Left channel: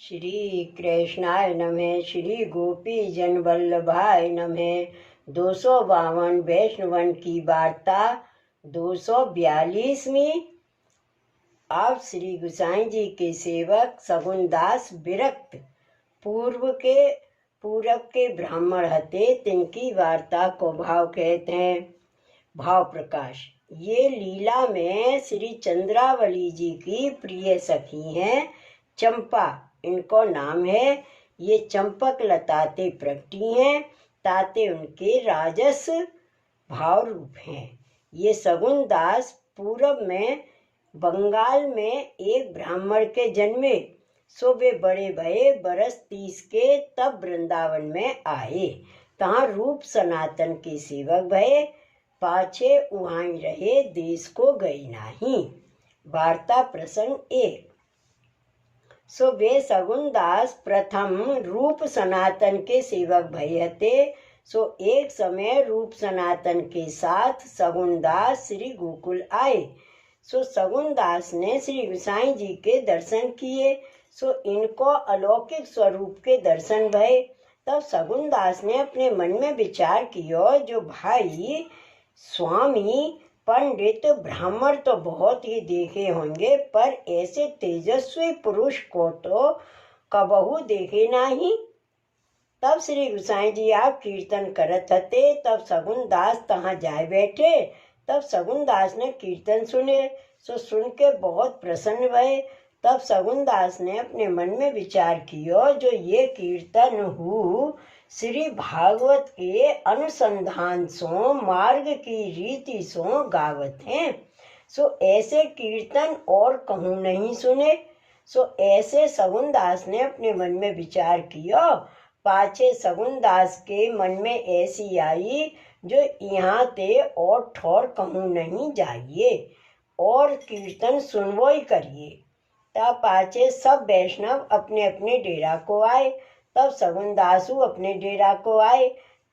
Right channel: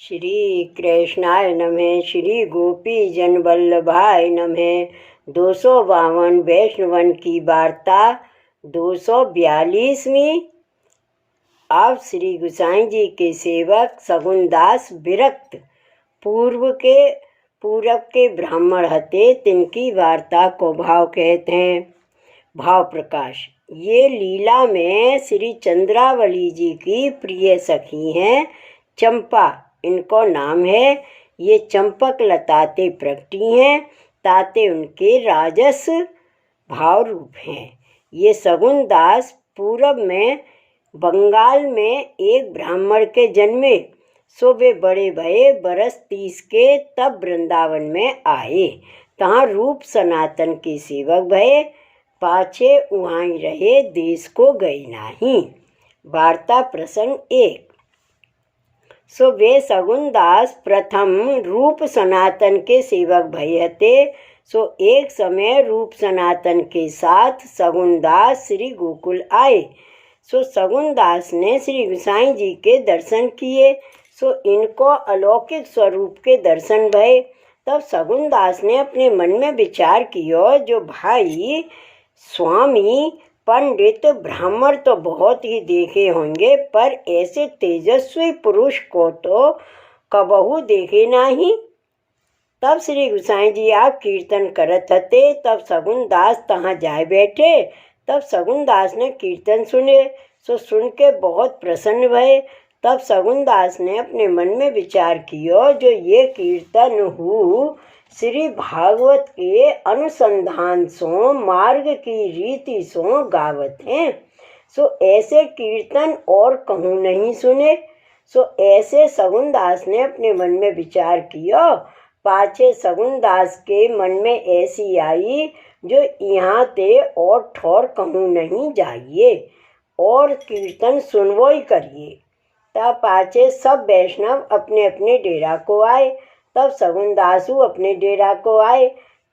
श्री कृष्णाय नमः। श्री गोपी जन वल्लभाय नमः। 252 वैष्णवन की वार्ता 242वीं। अब श्री गुसाई जी के सेवक सगुनदास विरक्त पूरब के ब्राह्मण हते, तिनकी वार्ता को भाव कहते हैं। भाव प्रकाश। ये लीला में श्री चंद्रावली जी की प्रिय सखी हैं चंपा, इनको नाम है। ये चंपक लताते प्रगटी हैं, ताते उनके राजस भाव रूप हैं। ये सगुन दास पूरब में बंगाल में एक ब्राह्मण के जन्मे, सो वे बड़े भये बरस 30 के, तब वृंदावन में आए। तहाँ रूप सनातन के सेवक भये, पाछे उहाँ रहे, देश को गए नाही। वार्ता प्रसंग 1। सो वे सगुनदास प्रथम रूप सनातन के सेवक भये हते। सो एक समय रूप सनातन के साथ सगुनदास श्री गोकुल आए। सो सगुनदास ने श्री गोसाई जी के दर्शन किए। सो इनको अलौकिक स्वरूप के दर्शन भये। तब सगुनदास ने अपने मन में विचार किया, जो भाई स्वामी पंडित ब्राह्मण तो बहुत ही देखे होंगे, पर ऐसे तेजस्वी पुरुष को तो कबहू देखे नहीं। तब श्री गोसाई जी आप कीर्तन करत हते, तब सगुनदास तहाँ जाए बैठे। तब सगुनदास ने कीर्तन सुने। सो सुन के बहुत प्रसन्न भये। तब सगुनदास ने अपने मन में विचार किया, जो ये कीर्तन हूँ श्री भागवत के अनुसंधान सो मार्ग की रीति सो गावत हैं। सो ऐसे कीर्तन और कहूँ नहीं सुने। सो ऐसे सगुनदास ने अपने मन में विचार किया। पाछे सगुनदास के मन में ऐसी आई, जो यहाँ ते और ठौर कहूँ नहीं जाइए, और कीर्तन सुनवो ही करिए। तब पाछे सब वैष्णव अपने अपने डेरा को आए। तब सगुनदासु अपने डेरा को आए।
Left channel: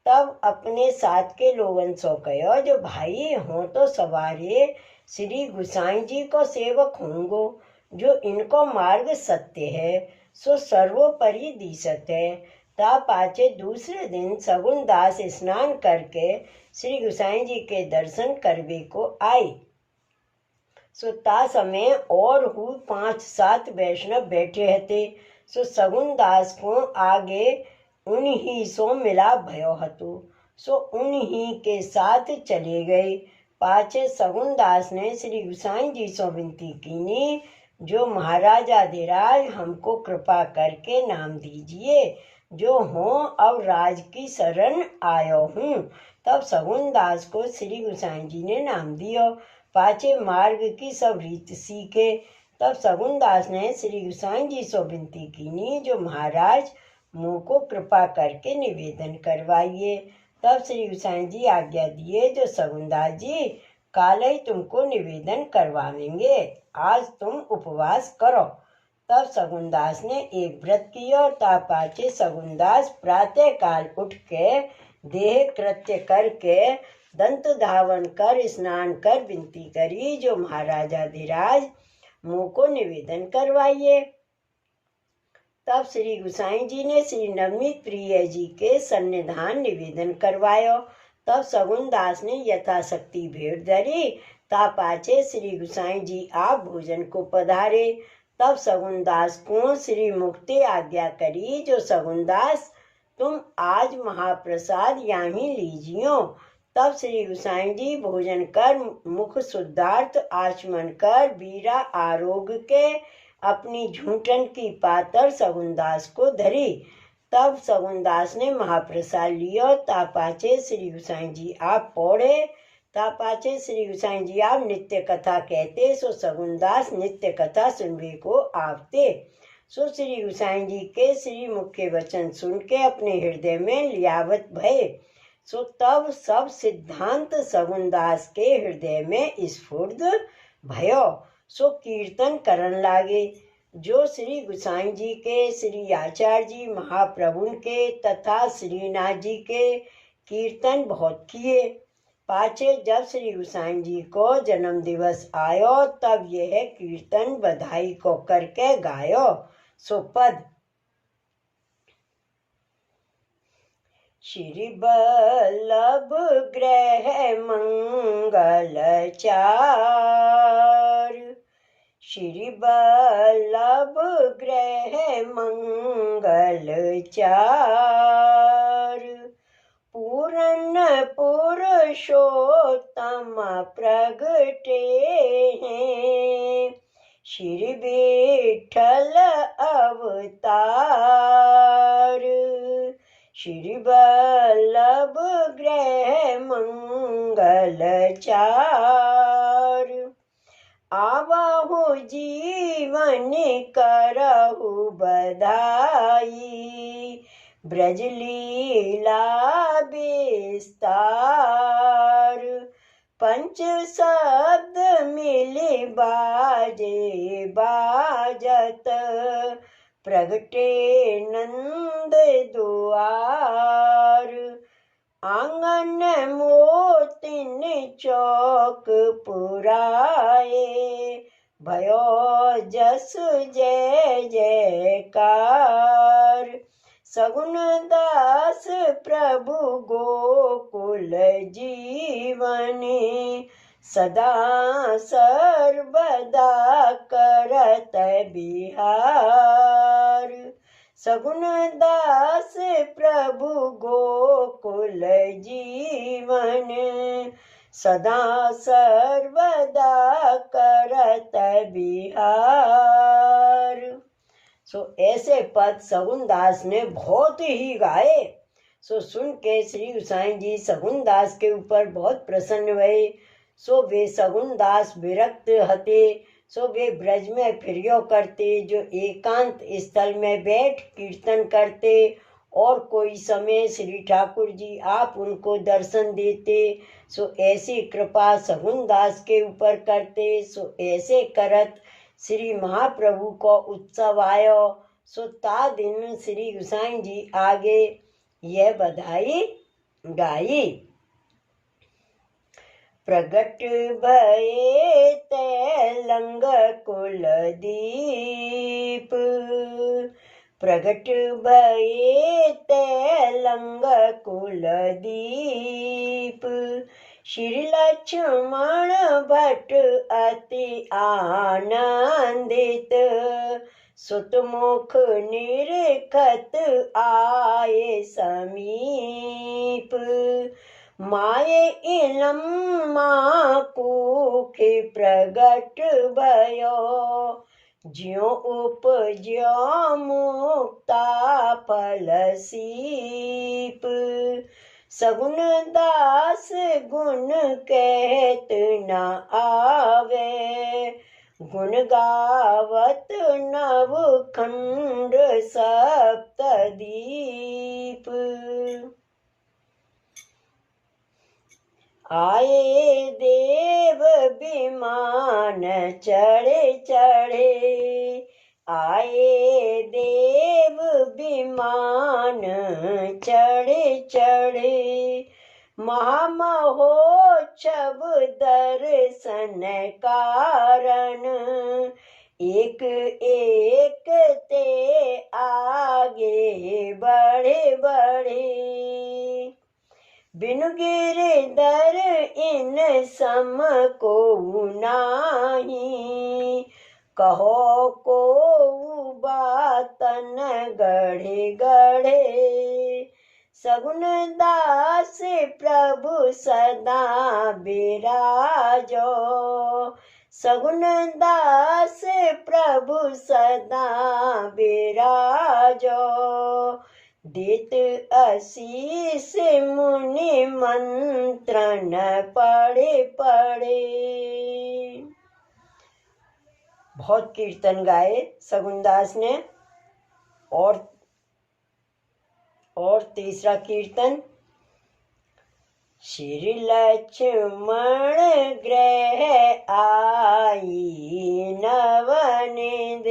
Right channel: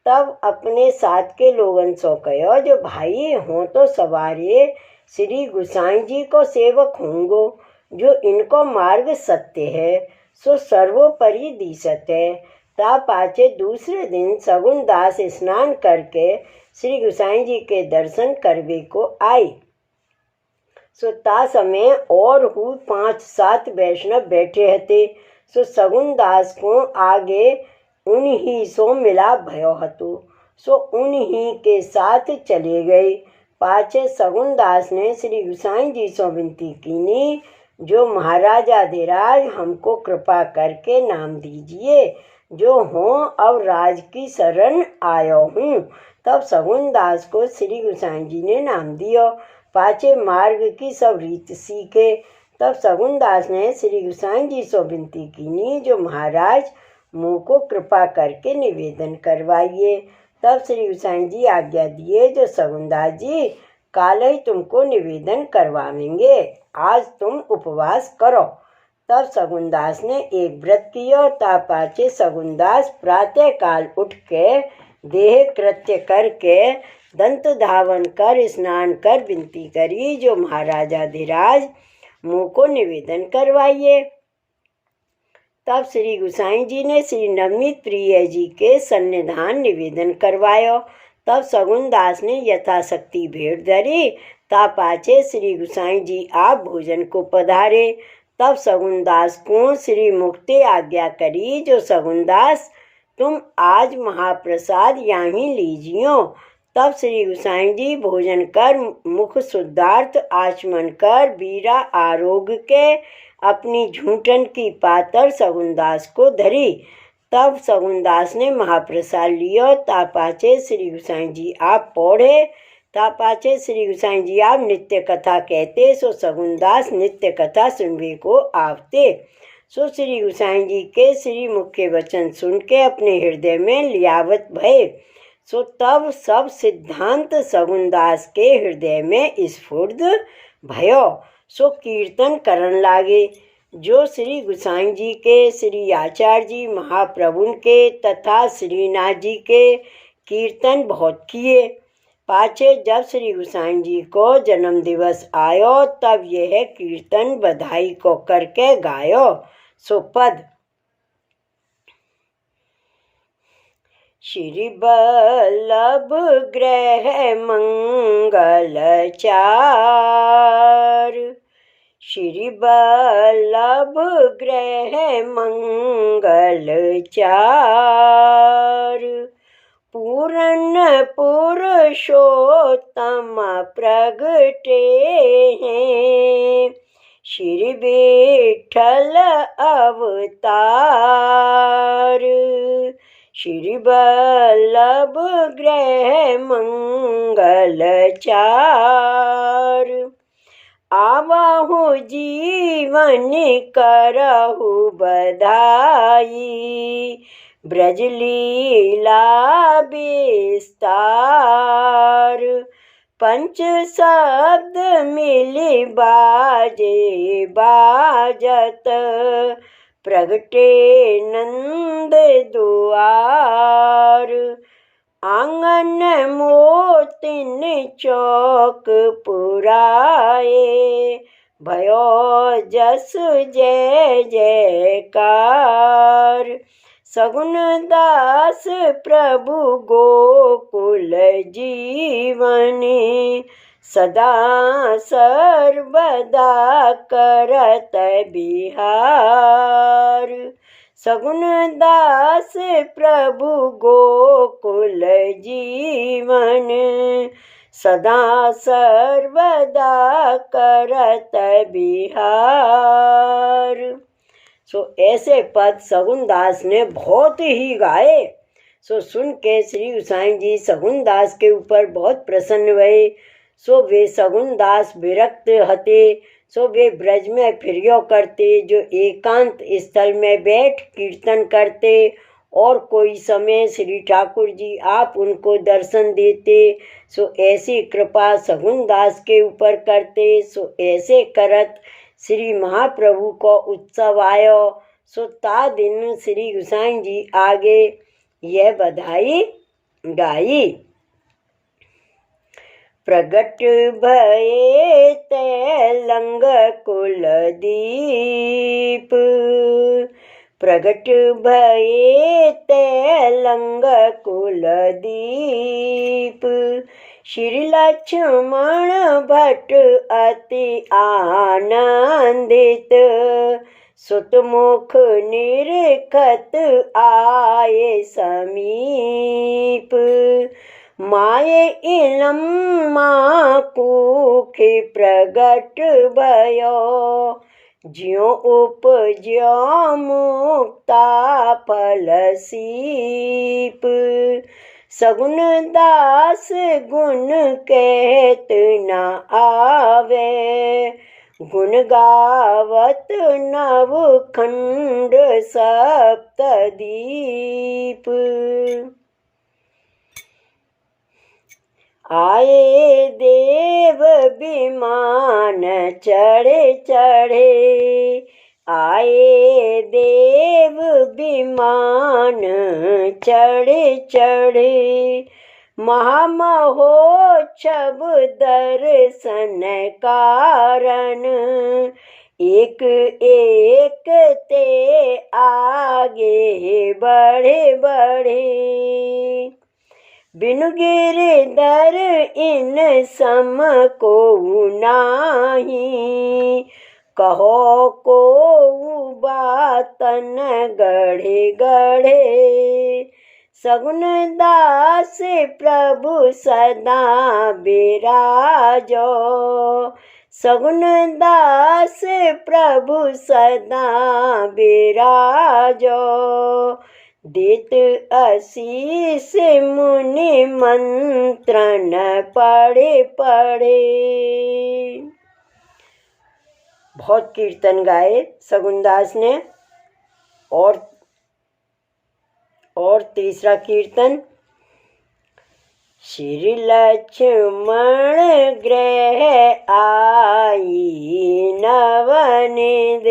तब अपने साथ के लोगन सो कहो, जो भाई हों तो सवारे श्री गोसाई जी को सेवक होंगो, जो इनको मार्ग सत्य है, सो सर्वोपरि दिसत है। ता पाछे दूसरे दिन सगुनदास स्नान करके श्री गोसाई जी के दर्शन करवे को आए। सो ता समय और हु 5-7 वैष्णव बैठे हते। सो सगुनदास को आगे उन्हीं सो मिला भयो हतो। सो उन्हीं के साथ चले गए। पाछे सगुनदास ने श्री गोसाई जी से विनती कीनी, जो महाराजाधिराज हमको कृपा करके नाम दीजिए, जो हों अब राज की शरण आयो हूँ। तब सगुनदास को श्री गोसाई जी ने नाम दियो। पाछे मार्ग की सब रीत सीखे। तब सगुनदास ने श्री गोसाई जी से विनती कीनी, जो महाराज मुँह को कृपा करके निवेदन करवाइए। तब श्री गोसाई जी आज्ञा दिए, जो सगुनदास जी काल ही तुमको निवेदन करवाएंगे, आज तुम उपवास करो। तब सगुनदास ने एक व्रत किया। ता पाछे सगुनदास प्रातः काल उठ के देह कृत्य करके दंत धावन कर स्नान कर विनती करी, जो महाराजाधिराज मुँह को निवेदन करवाइए। तब श्री गोसाई जी ने श्री नवनीत प्रिय जी के सन्निधान निवेदन करवायो। तब सगुनदास ने यथाशक्ति भेंट धरी। ता पाछे श्री गोसाई जी आप भोजन को पधारे। तब सगुनदास को श्री मुक्ति आज्ञा करी, जो सगुनदास तुम आज महाप्रसाद यहाँ लीजियो। तब श्री गोसाई जी भोजन कर मुख शुद्धार्थ आचमन कर बीरा आरोग के अपनी झूठन की पातर सगुनदास को धरी। तब सगुनदास ने महाप्रसाद लियो। ता पाछे श्री गोसाई जी आप पौढ़े। ता पाछे श्री गोसाई जी आप नित्य कथा कहते। सो सगुनदास नित्य कथा सुनवे को आवते। सो श्री गोसाई जी के श्री मुख्य वचन सुन के अपने हृदय में लियावत भये। सो तब सब सिद्धांत सगुनदास के हृदय में स्फुर्द भयो। सो कीर्तन करन लागे, जो श्री गोसाई जी के, श्री आचार्य जी महाप्रभु के तथा श्रीनाथ जी के कीर्तन बहुत किए। पाछे जब श्री गोसाई जी को जन्म दिवस आयो, तब यह कीर्तन बधाई को करके गायो। सो पद श्री बल्लभ ग्रह मंगल चार, श्री बल्लभ ग्रह मंगल चार, पूर्ण पुरुषोत्तम प्रगटे हैं, श्री विठ्ठल अवतार, श्री बल्लभ ग्रह मंगल चार, आवहु जीवन करहु बधाई, ब्रज लीला विस्तार, पंच शब्द मिली बाजे बाजत, प्रगटे नंद दुआर, आंगन मोतिन चौक पुराए, भयो जस जय जयकार, सगुन दास प्रभु गोकुल जीवनी, सदा सर्वदा करत बिहार, सगुन दास प्रभु गोकुल जीवन, सदा सर्वदा करत बिहार। ऐसे पद सगुन दास ने बहुत ही गाए। सुन के श्री गोसाई जी सगुन दास के ऊपर बहुत प्रसन्न हुए। वे सगुन दास विरक्त हते, वे ब्रज में फिरियो करते, जो एकांत स्थल में बैठ कीर्तन करते, और कोई समय श्री ठाकुर जी आप उनको दर्शन देते। ऐसी कृपा सगुन दास के ऊपर करते। ऐसे करत श्री महाप्रभु को उत्सव आयो। ता दिन श्री गोसाई जी आगे यह बधाई गाई। प्रगट भये तैलंग कुलदीप, प्रगट भये तैलंग कुलदीप, श्री लक्ष्मण भट्ट अति आनंदित, सुतमुख निरखत आए समीप, माये इलम कुखे प्रगट भयो, ज्यों उपज्यो मुक्ता फल सीप, सगुन दास गुण कहत न आवे, गुण गावत नव खंड सप्तदीप, आए देव विमान चढ़े चढ़े, आए देव विमान चढ़े चढ़े, महामहोत्सव दर्शन कारण, एक एक ते आगे बढ़े बढ़े, बिनु गिरधर इन सम को नाही, कहो को बातन गढ़े गढ़े, सगुन दास प्रभु सदा बिराजो, सगुन दास प्रभु सदा बिराजो, देत आशीष मुनि मंत्रन पढ़े पढ़े। बहुत कीर्तन गाए सगुनदास ने। और तीसरा कीर्तन, श्री लक्ष्मण ग्रह आई नवनिध,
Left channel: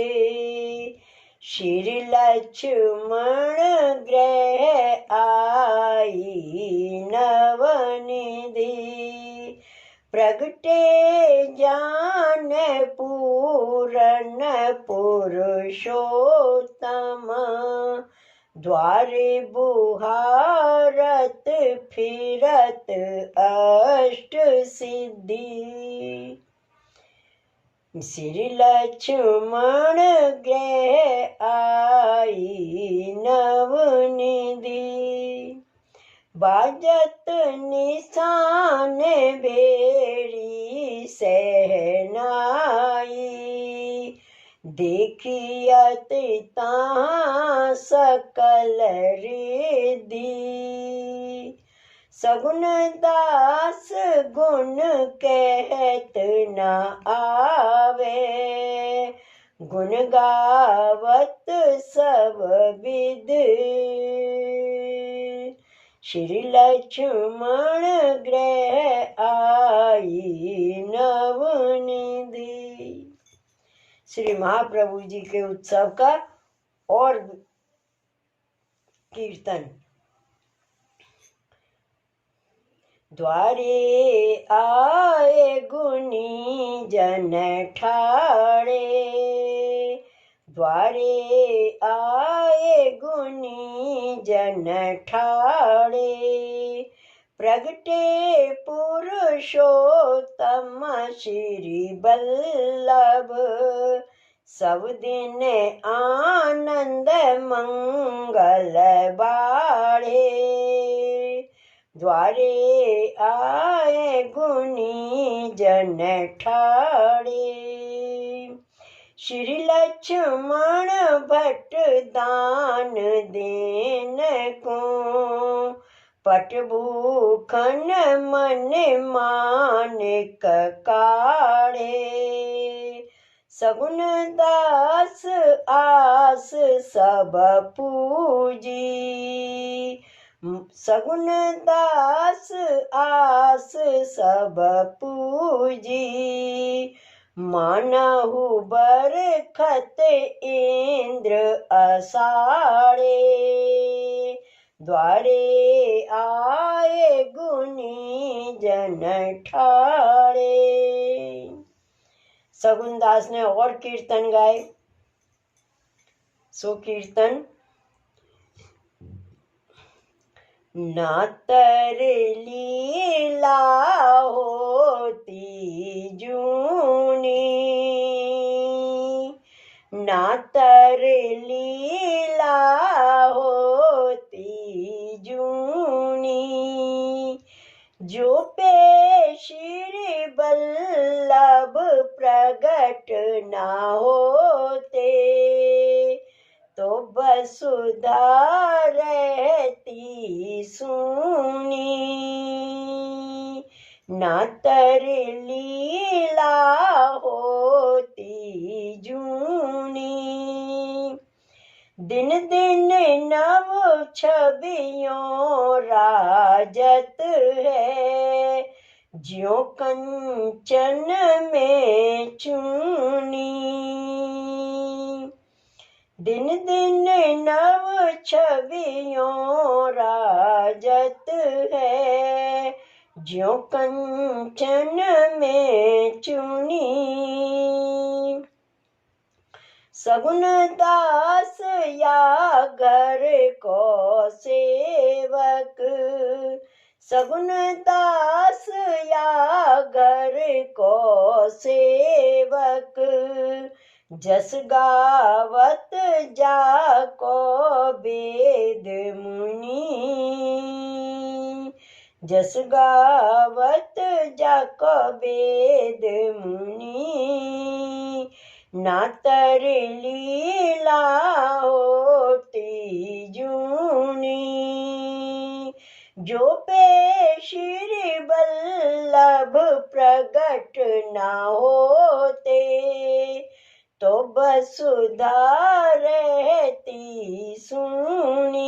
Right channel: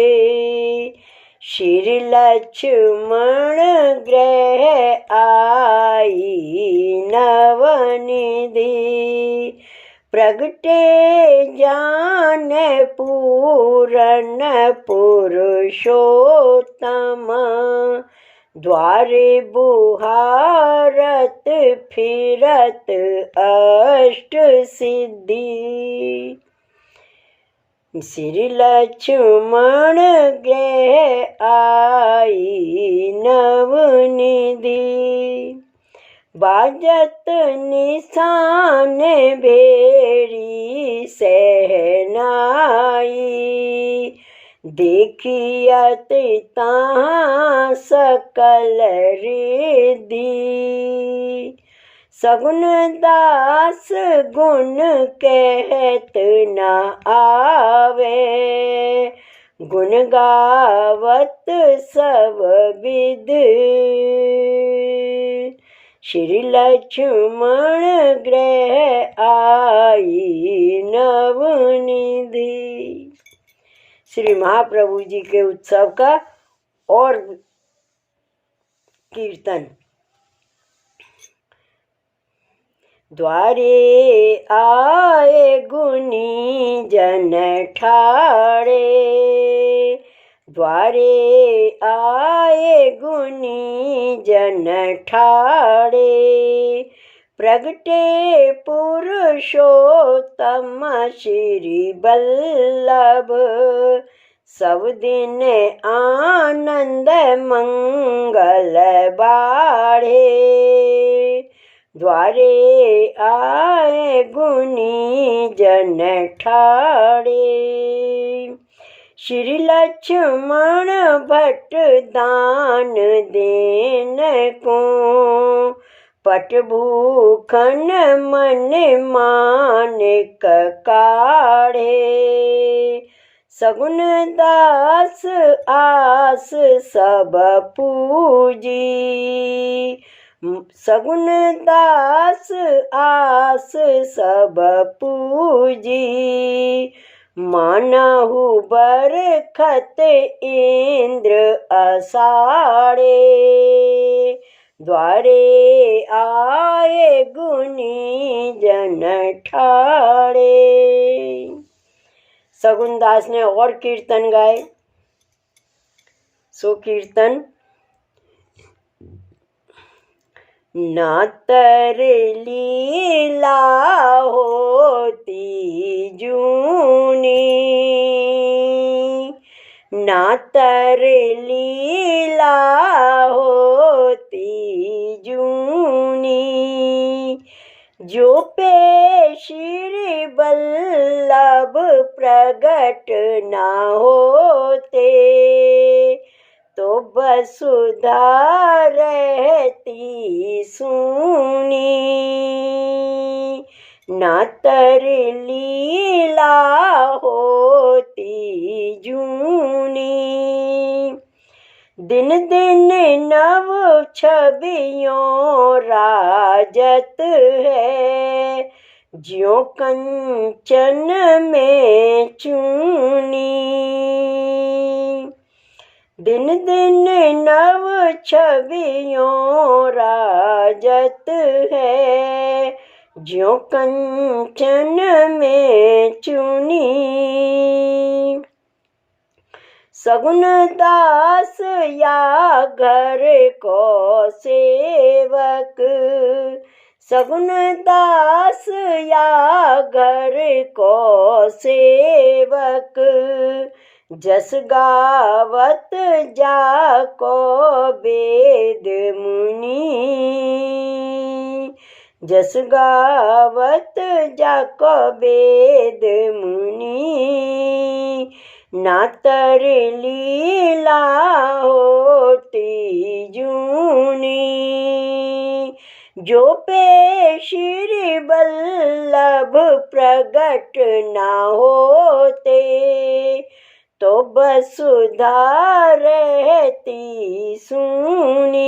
श्री लक्ष्मण ग्रह आई नवनिधि, प्रगटे जान पूरन पुरुषोत्तम, द्वारे बुहारत फिरत अष्ट सिद्धि। श्री लक्ष्मण गृह आई नवनिधि। बाजत निशान भेरी सहनाई। देखियत तहाँ सकल रिद्धि। सगुन दास गुण कहत न आवे। गुण गावत सब विद। श्री लक्ष्मण गृह आई नवनिधि। श्री महाप्रभु जी के उत्सव का और कीर्तन। द्वारे आए गुणी जन ठाड़े। द्वारे आए गुणी जन ठाड़े। प्रगटे पुरुषोत्तम श्री बल्लभ। सब दिन आनंद मंगल बाढ़े। द्वारे आए गुणी जन ठाड़े। श्री लक्ष्मण भट्ट दान देन को। पट भूखन मन मानिक काढ़े। सगुन दास आस सब पूजी। सगुन दास आस सब पूजी। मानहु बरखत इंद्र असाड़े। द्वारे आए गुणी जन ठाड़े। सगुनदास ने और कीर्तन गाए। सो कीर्तन। नातर लीला होती जूनी। नातर लीला होती जूनी। जो पे श्री बल्लभ प्रगट ना होते। तो वसुधा रहती सूनी। नातर लीला होती जूनी। दिन दिन नव छवियों राजत है। ज्यों कंचन में चूनी। दिन दिन नव छवियों राजत है। ज्यों कंचन में चूनी। सगुन दास या घर को सेवक। सगुन दास या घर को सेवक। जस गावत जाको वेद मुनि। जस गावत जाको वेद मुनि। नातर लीला होती जूनी। जो पे श्री बल्लभ प्रगट ना होते। तो वसुधा रहती सूनी।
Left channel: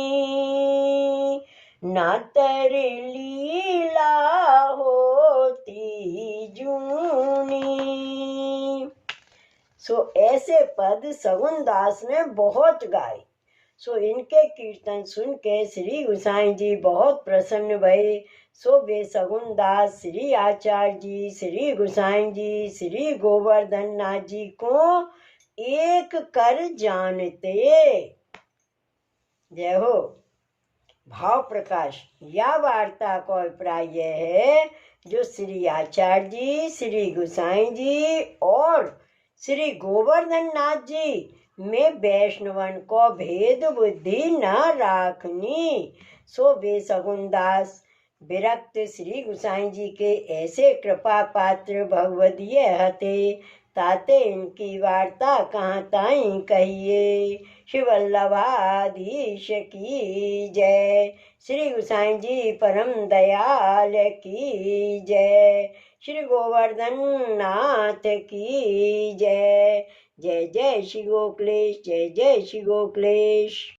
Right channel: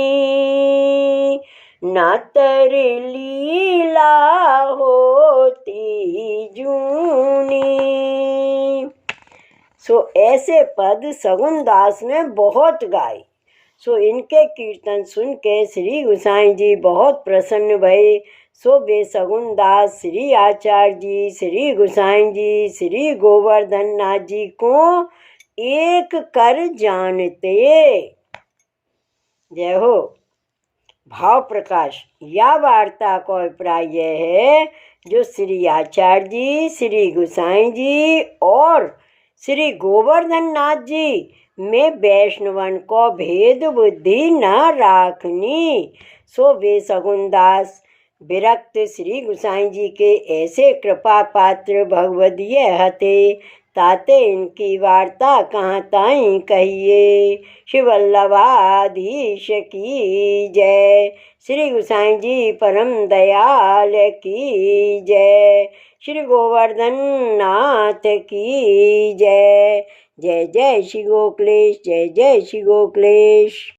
नातर लीला होती जूनी। सो ऐसे पद सगुनदास ने बहुत गाए। सो इनके कीर्तन सुन के श्री गोसाई जी बहुत प्रसन्न भये। सो वे सगुनदास श्री आचार्य जी, श्री गोसाई जी, श्री गोवर्धन नाथ जी को एक कर जानते। जय हो। भाव प्रकाश। या वार्ता का अभिप्राय यह है जो श्री आचार्य जी, श्री गोसाई जी और श्री गोवर्धन नाथ जी में वैष्णवन को भेद बुद्धि न राखनी। सो वे सगुनदास विरक्त श्री गोसाई जी के ऐसे कृपा पात्र भगवदीय हते, ताते इनकी वार्ता कहाँ ताई कहिए। शिवल्लभाधीश की जय। श्री गोसाई जी परम दयाल की जय। श्री गोवर्धन नाथ की जय। जय जय श्री गोकुलेश, जय जय श्री गोकुलेश।